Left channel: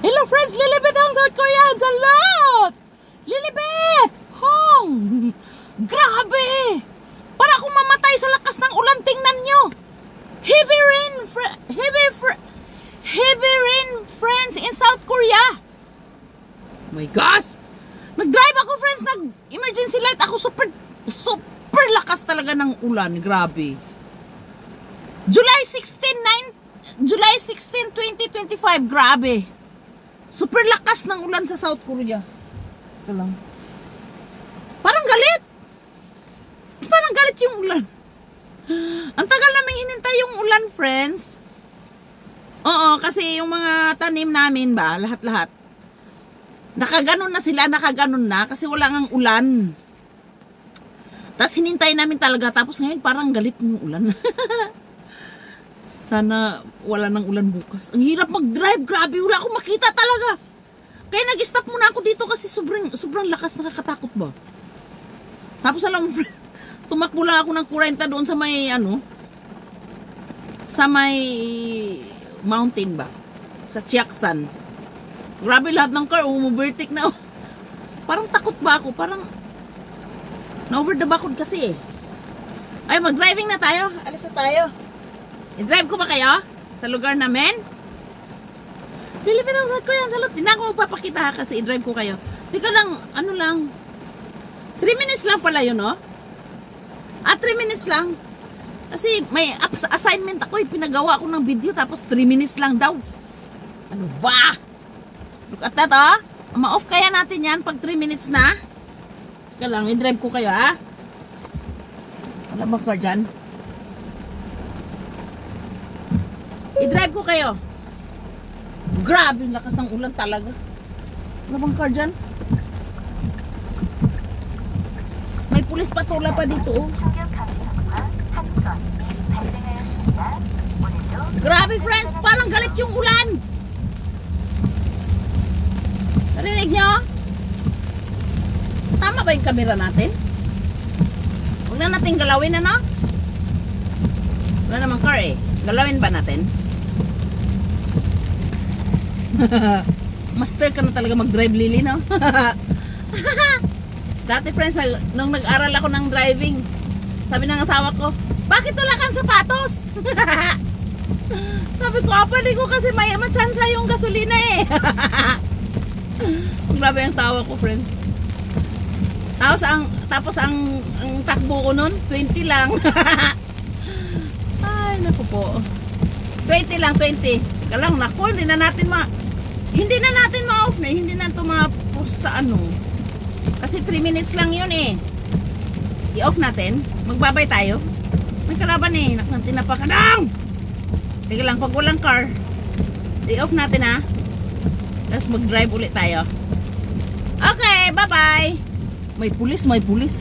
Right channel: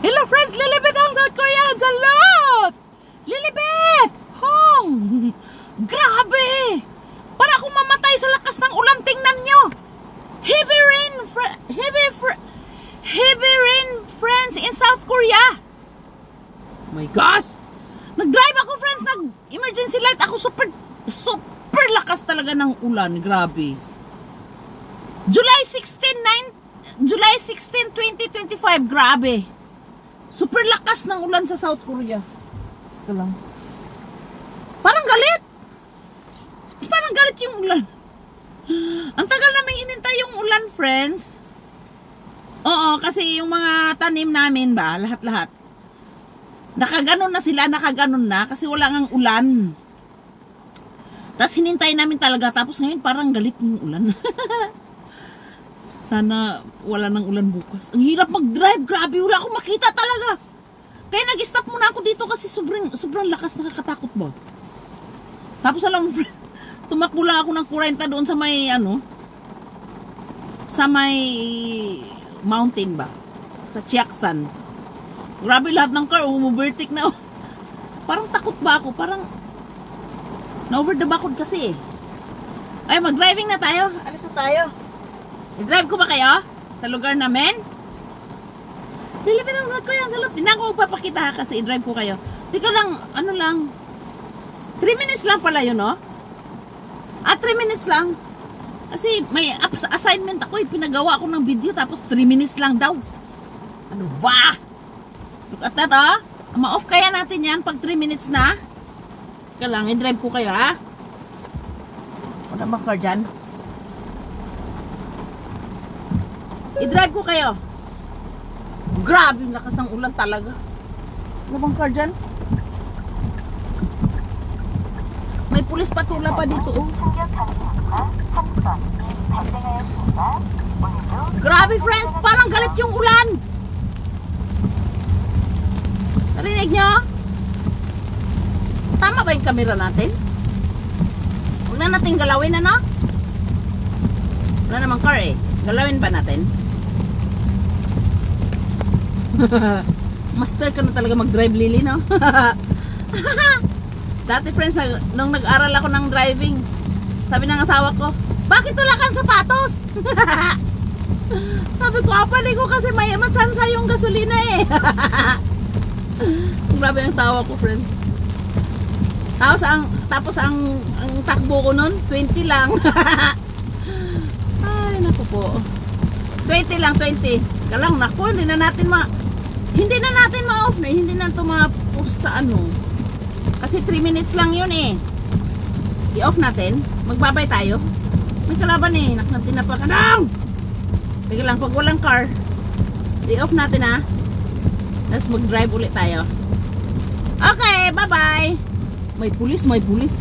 Hello friends, Lilibet ang South Korea. Salot! Lilibet! Hong! Grabe! Para akong mamatay sa lakas ng ulan. Tingnan nyo. Heavy rain, friends, in South Korea. Oh my gosh! Nag-drive ako, friends. Nag-emergency light ako. Super lakas talaga ng ulan. Grabe. July 16, 2025. Grabe. Super lakas ng ulan sa South Korea. Ito lang. Parang galit. Parang galit yung ulan. Ang tagal namin hinintay yung ulan, friends. Oo, kasi yung mga tanim namin ba, lahat-lahat. Nakaganon na sila, nakaganon na kasi wala ngang ulan. Tapos hinintay namin talaga. Tapos ngayon parang galit yung ulan. Sana wala nang ulan bukas. Ang hirap mag-drive. Grabe, wala akong makita talaga. Kaya nag-stop muna ako dito kasi sobrang lakas, nakakatakot ba. Tapos alam mo, tumakbo lang ako ng 40 doon sa may sa may mountain ba, sa Chiaksan. Grabe, lahat ng car umubertik na. Parang takot ba ako, parang na-over the backwood kasi eh. Ay, mag-driving na tayo. Alis na tayo. I-drive ko ba kayo sa lugar namin? Lilipit ako sa Korean Salot. Hindi na ako magpapakita kasi i-drive ko kayo. Tika lang, 3 minutes lang pala yun, no? 3 minutes lang. Kasi may assignment ako, pinagawa ko ng video, tapos 3 minutes lang daw. Ano ba? Look at that, oh. Ma-off kaya natin yan pag 3 minutes na. Tika lang, i-drive ko kayo, ha? Wala ba car dyan? I-drive ko kayo. Grabe, lakas ng ulan talaga. Ano bang car dyan? May pulis patula pa dito, oh. Grabe, friends, parang galit yung ulan. Narinig nyo? Tama ba yung camera natin? Huwag na natin galawin, ano? Wala namang car eh. Galawin ba natin? Master ka na talaga mag-drive, Lily, no? Dati, friends, nung nag-aral ako ng driving, sabi ng asawa ko, bakit wala kang sapatos? Sabi ko, apali ko kasi may matsansa yung gasolina eh. Grabe ang tawa ko, friends. Tapos ang takbo ko nun, 20 lang. Ay, naku po. 20 lang, 20. Kalang, naku, hindi na natin ma-off na. Hindi na ito ma-post sa ano. Kasi 3 minutes lang yun eh. I-off natin. Magbabay tayo. May kalaban eh. Tinapakanang! Sige lang, pag walang car, i-off natin ha. Tapos mag-drive ulit tayo. Okay, bye-bye. May pulis, may pulis.